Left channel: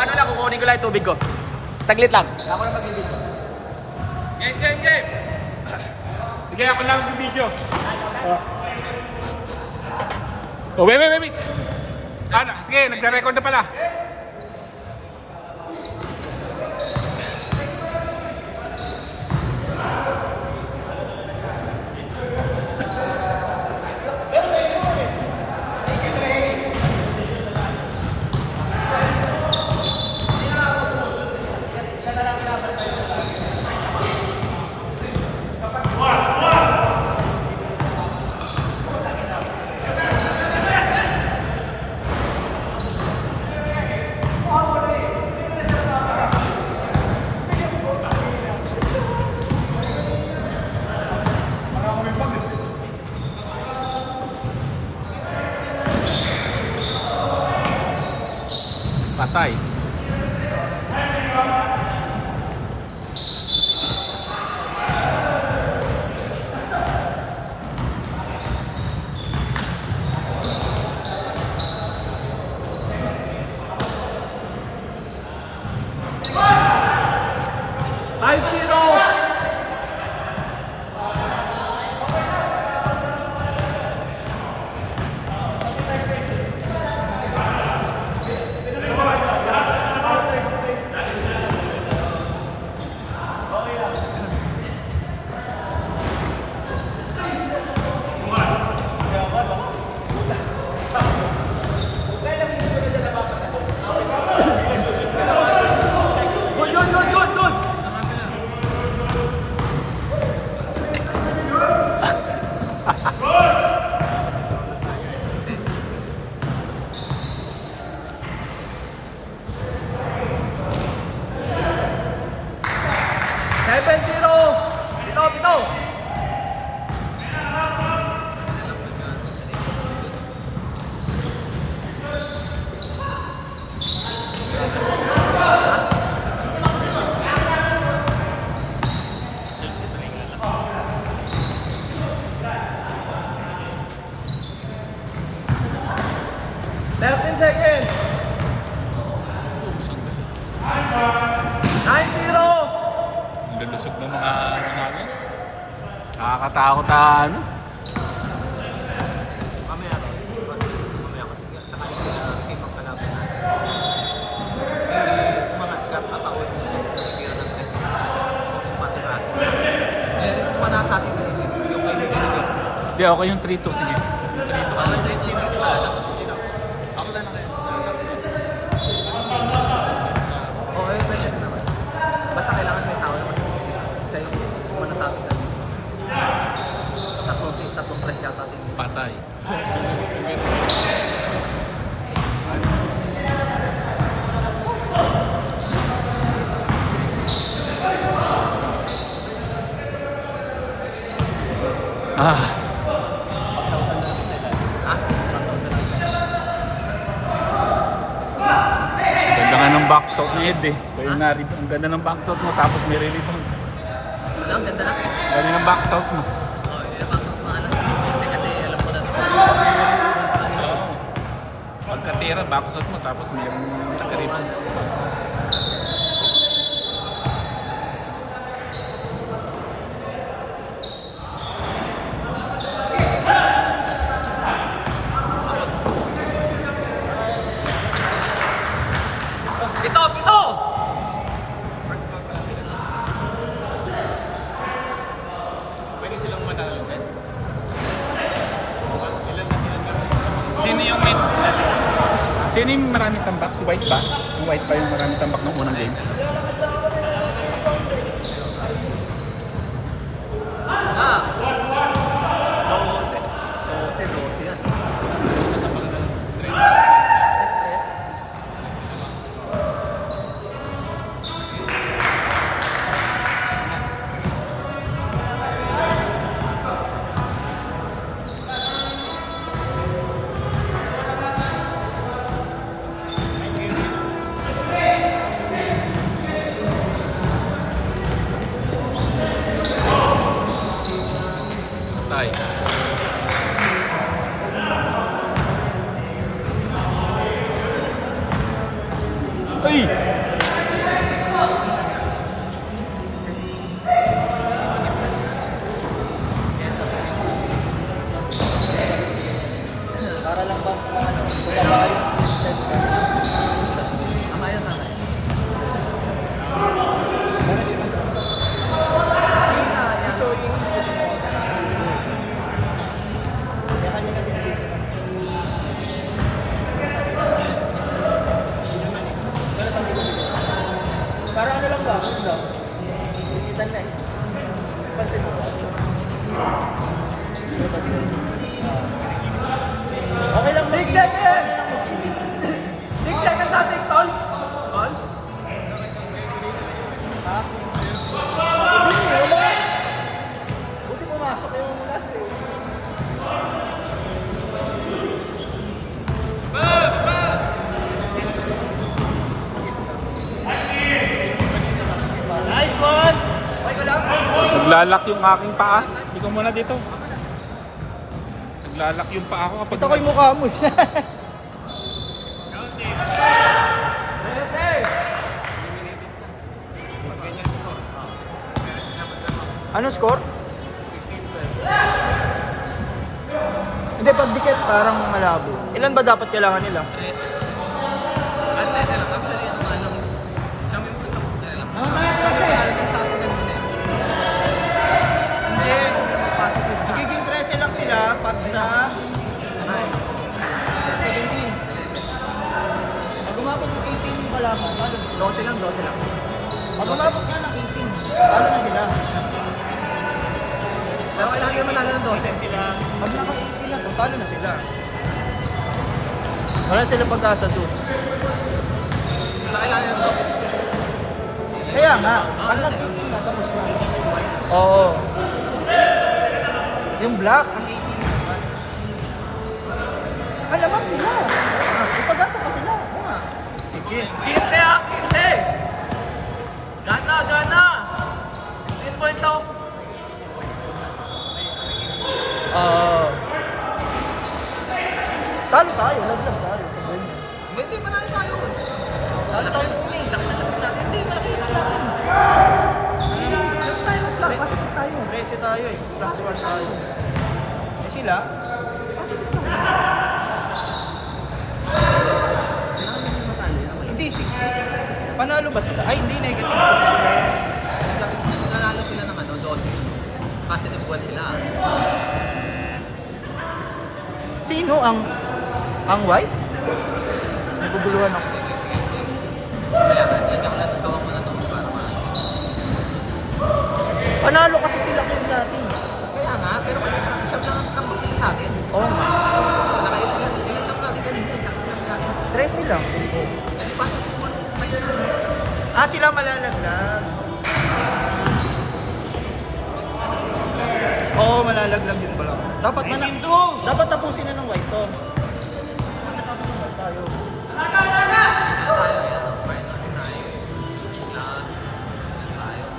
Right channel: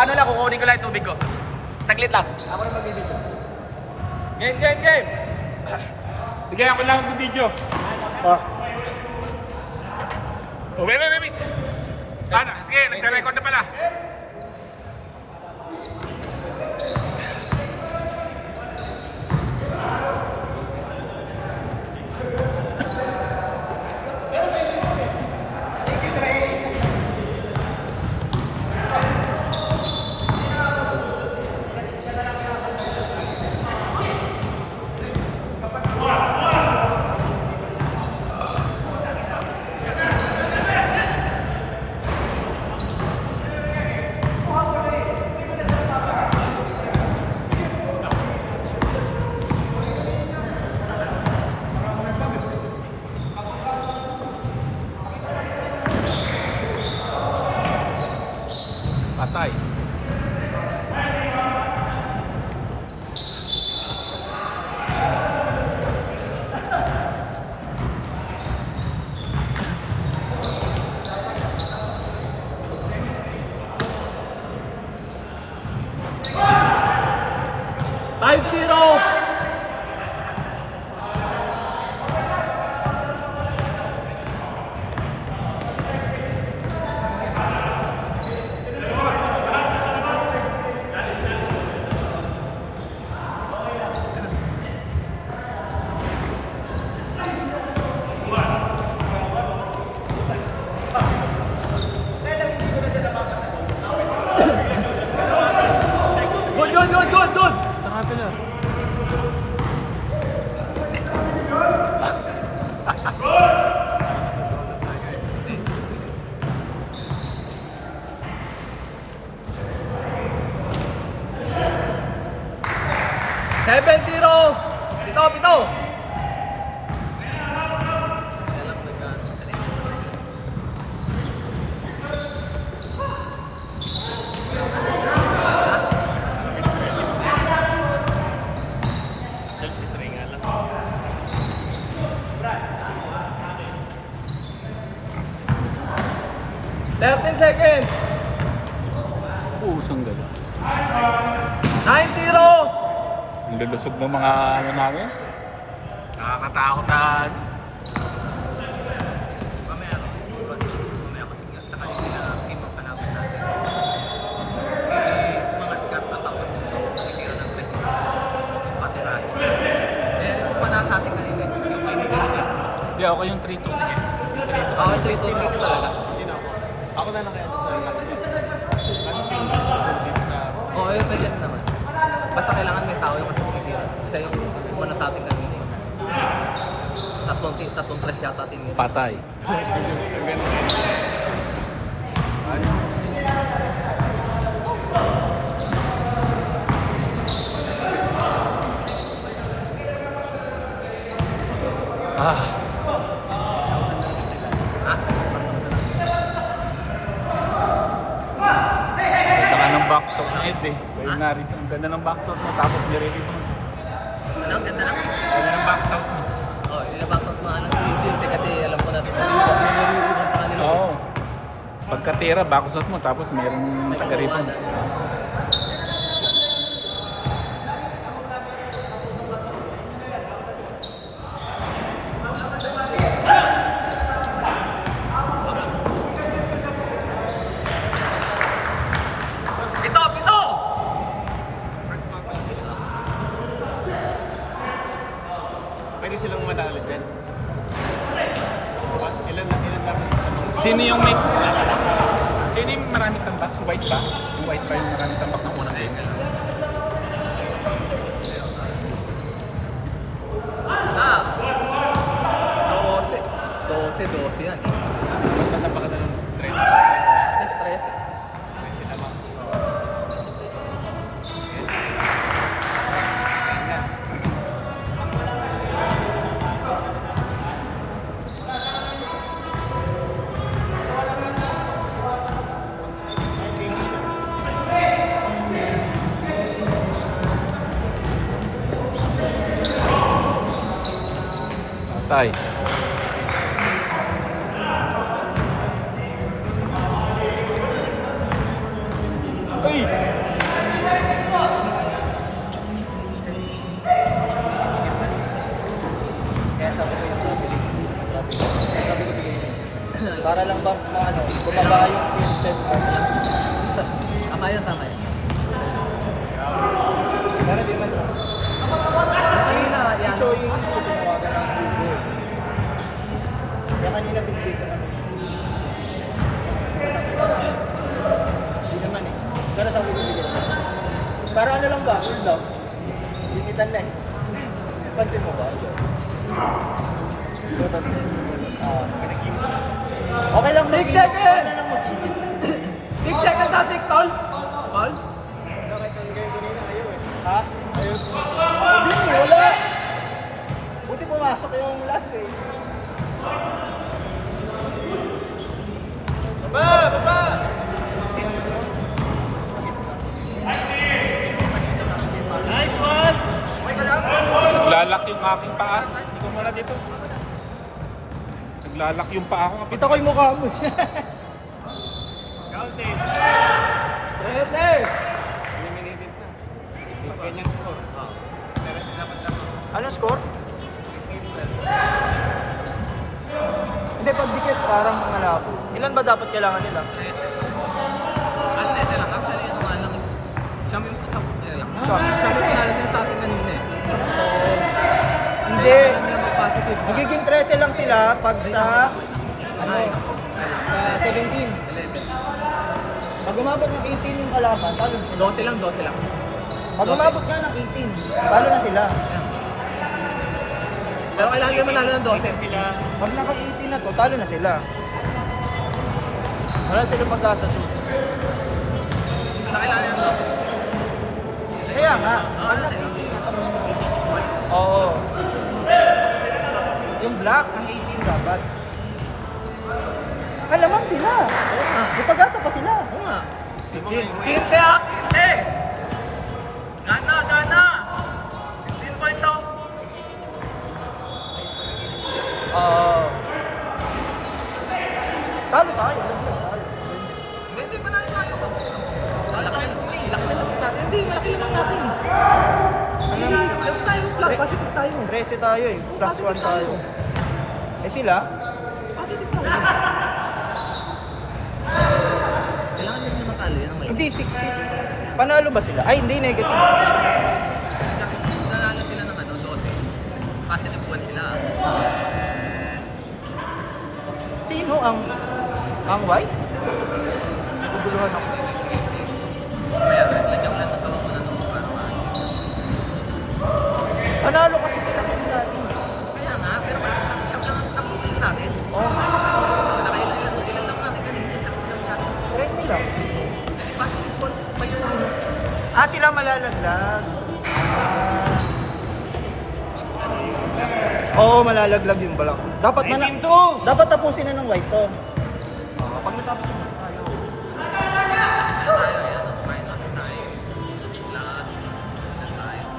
paano lang kukunin ko lang yung tubig ko? Saglit lang. Ako lang mag-video. Game! Sige, ako lang mag-video. Oh, wait. Ano? Sige, nagda-record na pala. Patay. Usang gala. 9-0! Ang lilusog ng mga ano namin. Nakakatakot na ano. Hindi, ako yung 3-2 sa yung 3-2 ka lang. Patay. Ang ng box out ni Ed eh. Ang ganda ng box out mo tapos nirinig mo. Ang ganda na. Ang ganda ng box out mo. Oh, sila pa pagmaalas ni JJ kasi alam ko na dito. Oo. Pagkatira, box out mo tapos mayroong nakariban. Pito! Sino yung may... Sino yung maraming tambak? Si White ba? Yung White ba yung maraming tambak ng unang game? Ah! 12 yan. Ano Para lang ba, bumaba yung pinag. Ayun, tatay. Si Choi, hindi ko tinawagan. Kaya kanina binigay ko. Kaya sabi ko dito. Para ano lang ba? Ano lang? Digital lens. Cancel mo pa. Okay lang mag-ibig. Okay lang mag-ibig. Big second natin, tol. Ha? Hindi, wala. Buti pumasok yung last eh. Nice one! Okay ka lang? Naglalak yung aking paa. Hindi ko muna dito. Naglalak yung paa ko kapag... Ito ko yung mukha mo eh. Ano score? Hindi, pagdikit parang malaki. Ilan ba dapat kailangan nila? Atete lang. Actually, ano nga lang. Sabi mo sa puti eh. Hindi. Magiging 13 lang sila pag sa 17. Pag umabot ng 18 yung kalaban, paano sila? 12 lang. Pag umabot nga ng 18, paano na sila? Pero kailangan naman na ng 12 sila. Pag naka-18 na, paano na sila? Wala silang punta sa 2. Sa kailangan ng 12. Kaya nga, pag naka-18 na, tapos Oo. yung black, ang 18 dapat. Kalamang sila. May pag-asa pa sila. Oo nga. Kinte ha! Kinte! Gana! Gana! 15 points out! Talo ba kayo? Hindi pa natin tayo. Laki na natin. Hindi kasi natin. Rese tayo eh. Casual tayo. Eh sila? Hindi, 6. Panalo ba sila? Ay, hindi. Negative. Nanalo sila ng ano, 12. Kasi nagbuwan sila. Sino ang white? Kaya hindi ako natatawa ko na ito para marami. Panalo kasi sila dyan sa atin. Kaya nga, pero pag sinabi siya ng puti sa akin. Nakaya sila ng pinagdam natin kanina. Rese lang. Positive points. Ah, sila malalaglag. Oo, malalaglag yun pala. Dapat na lang. Dapat tapusin na ng white to. Pag natapos ng white, talo.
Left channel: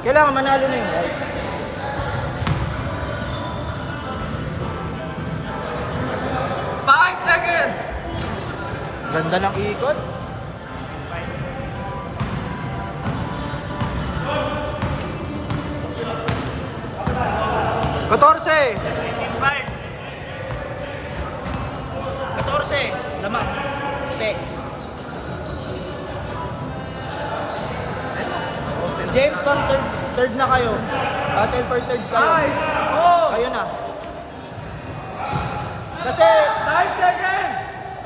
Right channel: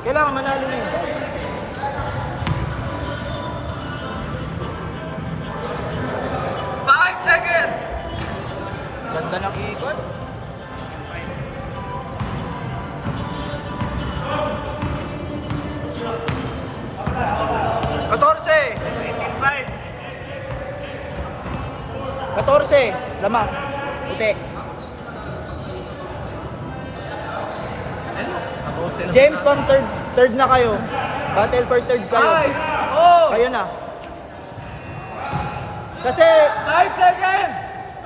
Kailangan manalo na yun. 5 seconds! Ganda ng ikot. Lamak. Itek. James, pang third na kayo. Battle for third kayo. Kayo na. Kasi 5 seconds!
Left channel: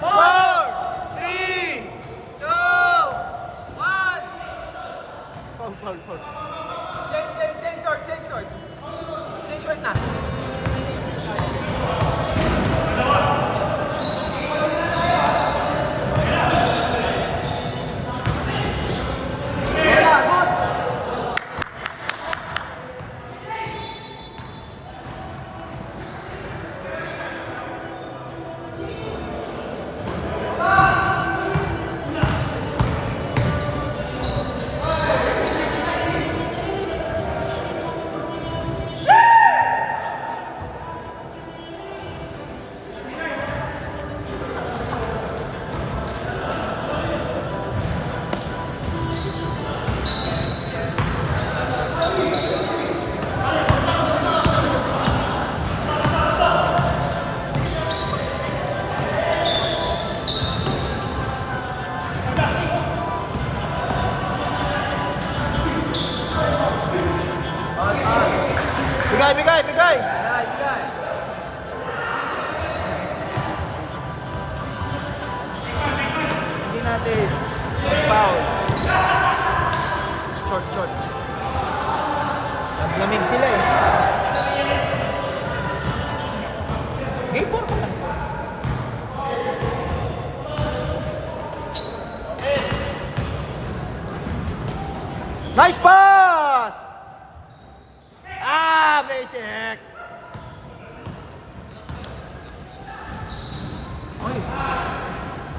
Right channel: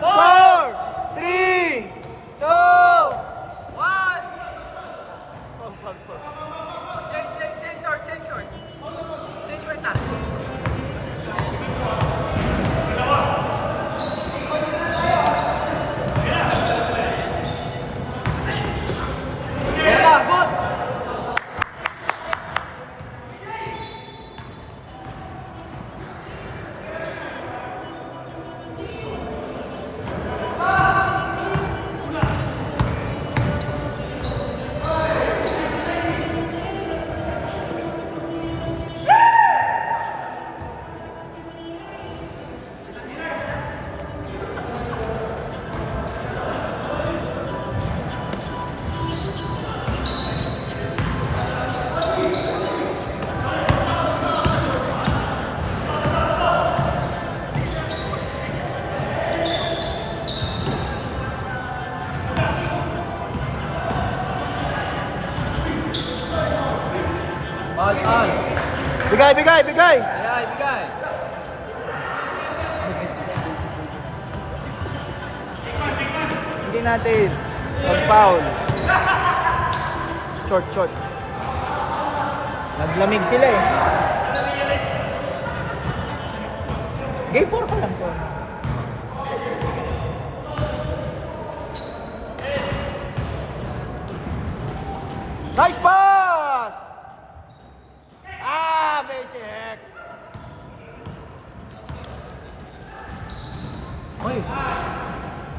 4, 3, 2, 1. Change short na.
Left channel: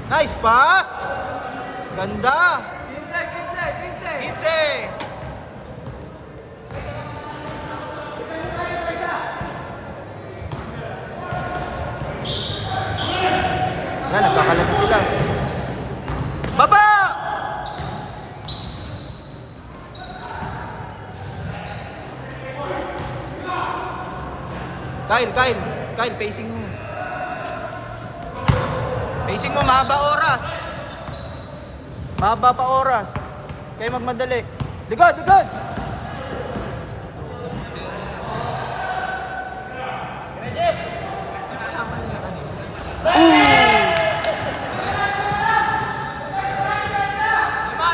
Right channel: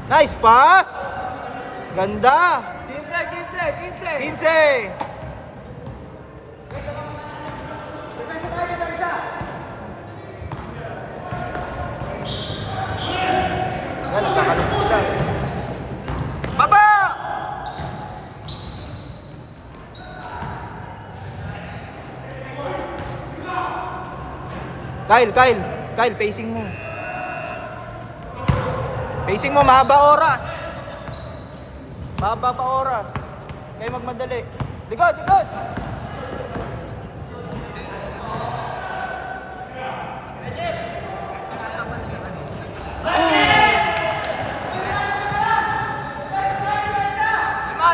Nice pass! Ganda! 15! Baba! Kyle, pacing mo. Pacing mo, mahaba oras. Mahaba pa oras. Kaya magmadali. Digod!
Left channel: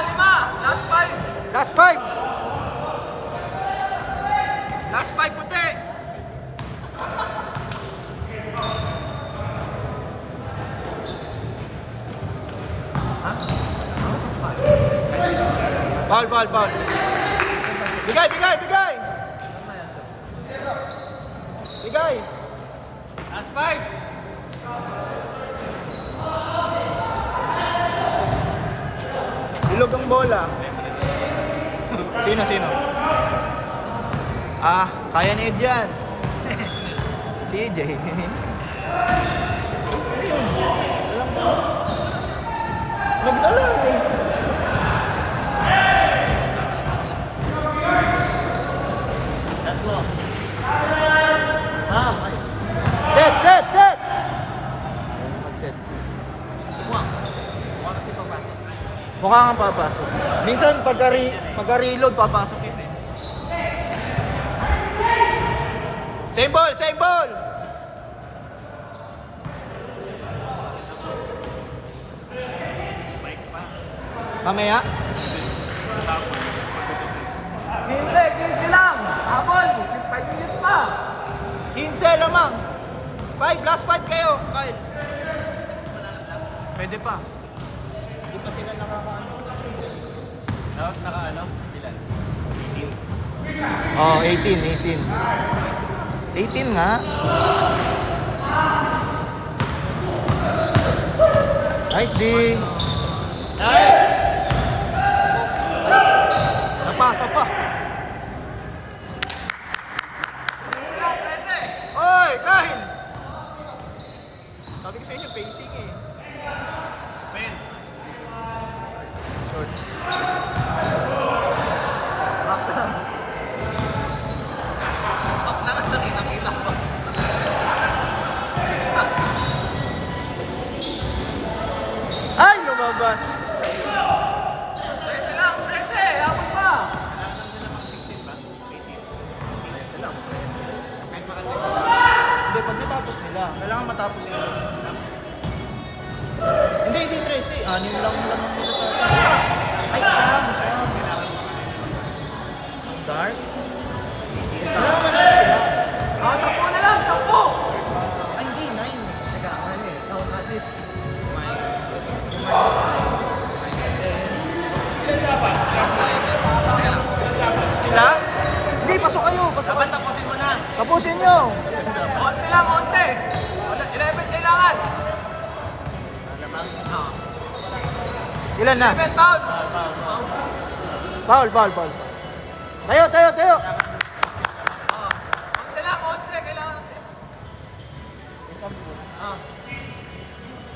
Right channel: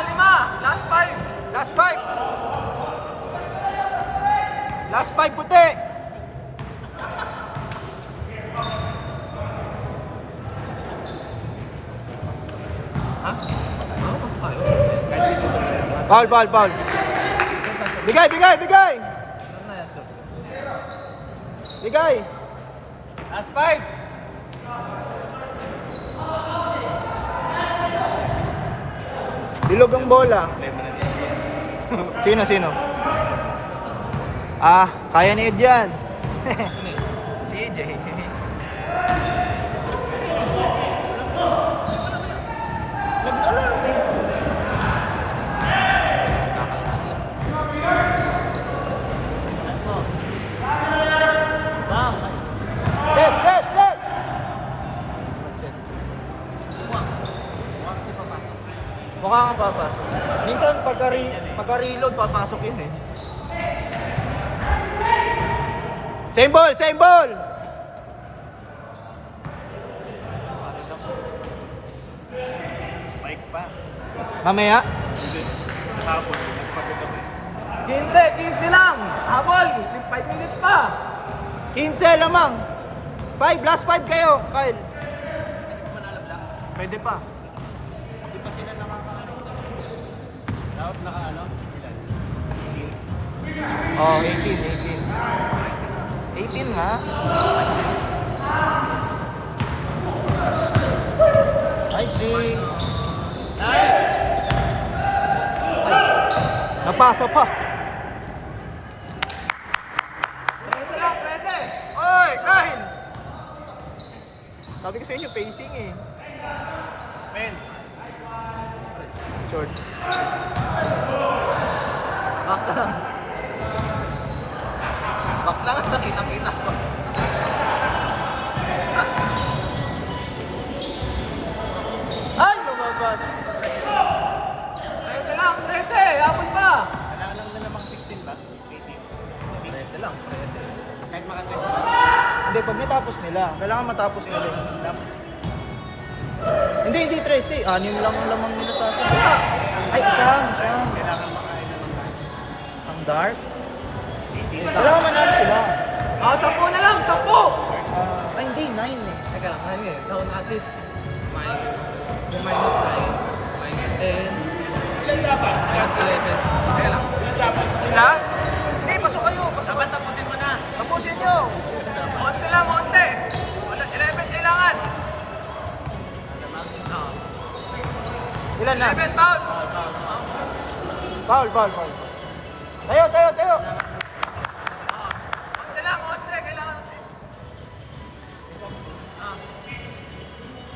Lima! Last five! Last five, puti! Ball. Bigay! Last five! Dilog ang bola. Sino? Kaya ni Ed yan. Si Ed yan. Set! Mukha kang papasok. Minsan pagka-reload, papasok yun eh. Same ball! Mamaya? 15 lang! Habol! 5 minutes pa! 15 lamang. 5, last 5 kayo, Kyle. Pwede pa. Hindi pa sila nakakaano. Oh, 18. 18 nga. Nice ding. Napasa pa. Oy, Kyle! Sabi ko sa inyo, pacing eh. Men! Box lang at nakita ko. Ay, lumabas! Hindi, pag natapos nila, kailangan matapos sila. Hindi 13. Anim lang yung naman nila sa... Ay, sayang. Dark? Ay, hindi, 9. Ilan dapat? Ilan dapat? Sila? Hindi, pasok kayo. Tapusin nyo. 11 lang, 11. 11 kailangan. Ilan na? 11 pound. Foul. Tayo. 11 lang, 11 kailangan.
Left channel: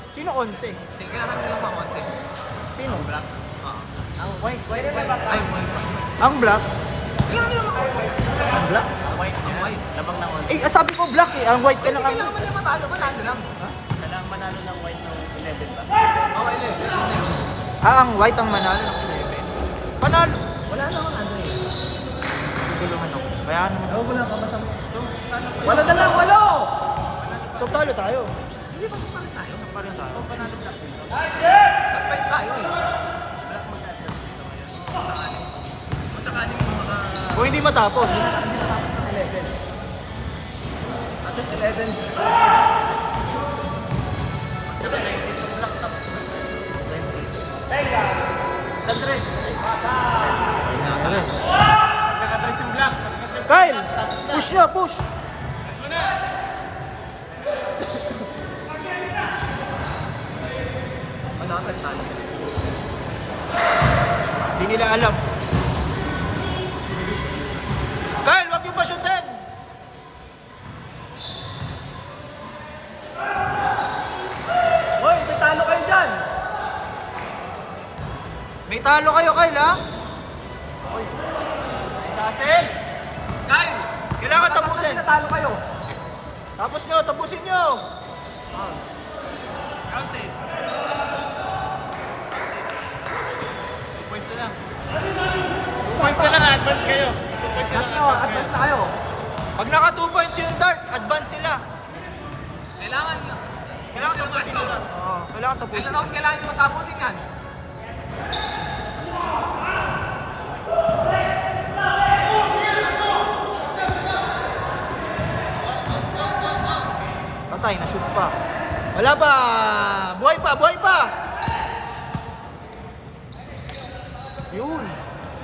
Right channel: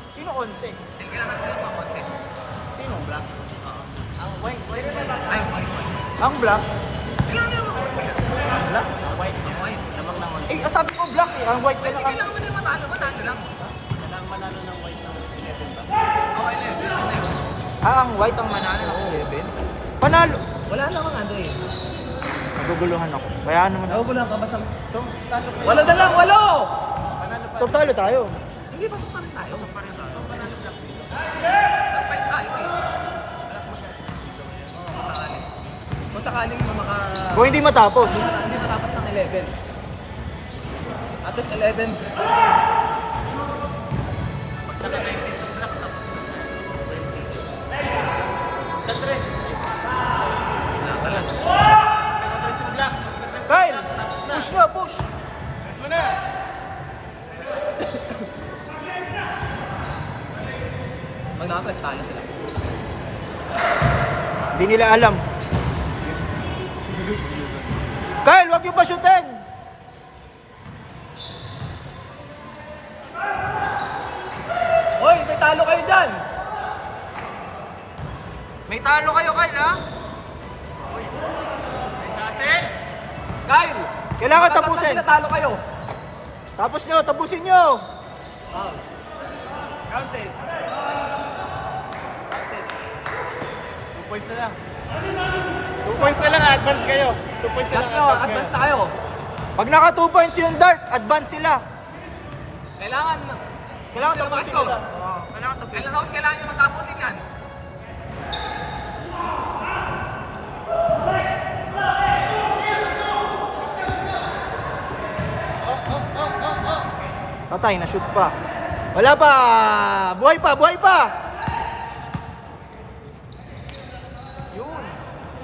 Sino 11? Sige, kailangan nila pa 11. Sino? Ay, Ang black? kailangan nila pa 11. Ang black? Ang white. Sabi ko black eh. Ang white kailangan. Kailangan mo nila mataas, manalo lang. Okay, Ang white ang manalo na ako. Panalo. Wala naman ano eh. Guguluhan ako. Bayaan mo na. Wala na lang! Walo! So talo tayo. Isang pa rin na. Respect tayo eh. Kung sakaling mga Kung hindi matapos. 11. At least 11. Saka 19 sa block tapos. Kyle! Push nyo, push! Hindi nila alam. Kyle, wag yung pa-shootin! Hoy, may talo kayo dyan! May talo kayo, Kyle, ha? Kasi! Kyle! Kailangan tapusin. Talo kayo! Tapos nyo, tapusin nyo. Kaunti. 2 points na lang. 2 points na lang, advance kayo. 2 points na lang, Advance na kayo. Pag naka 2 points yung dart, advance sila. Kailangan. Kailangan tapusin nila. Oo, kailangan tapusin. Kailan ako kailangan nyo matapusin yan? Patay, na-shoot pa. Wala pa! Buhay pa, buhay pa! Yun.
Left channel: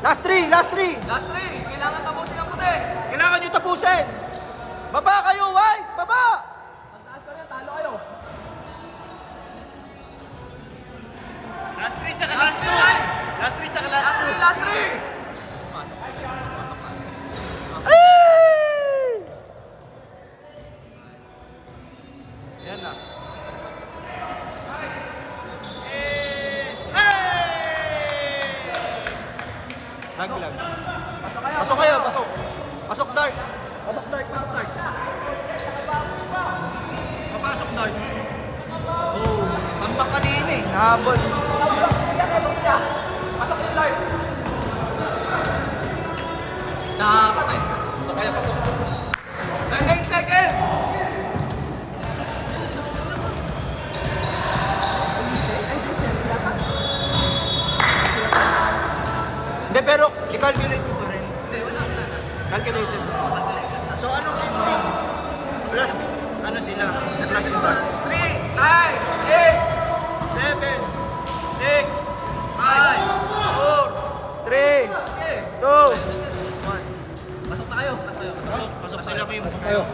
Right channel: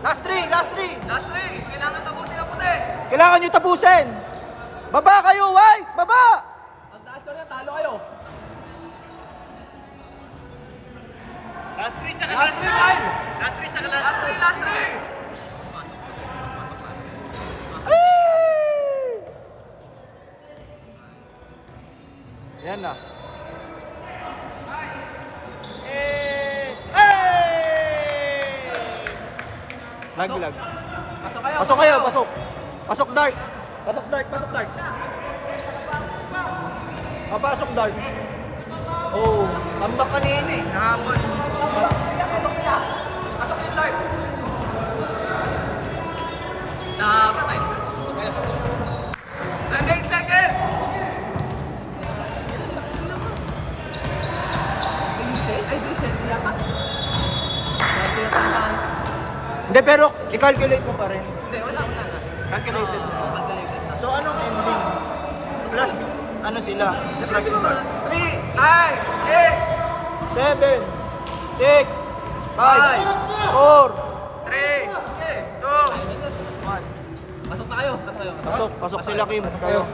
Last 3, last 3! Last 3. Kailangan tapusin ang puti. Kailangan nyo tapusin! Baba kayo, ay! Baba! Pagtaas na, talo kayo. Last 3 tsaka last 3. Last 3 tsaka last 3. Last 3. Yan na. Laglag. Pasok kayo, pasok. Pasok, Dart. Pasok dark, pasok dark. Papasok, Dart. Oh, tambak kanina eh. Nahabol. Pasok nila. Pasok nila dark. Dapat ay. Kaya pasok. Second, second. Hindi, pero i-calculate mo pa rin. Hindi, wala. Calculated mo. So, anong ending? Plus, ano sila? Plus yung bar. 3, 9, 8. 7, 6, 5, 4, 3, 2, 1. Pasok na kayo. Pasok sila, Kim. Kayo.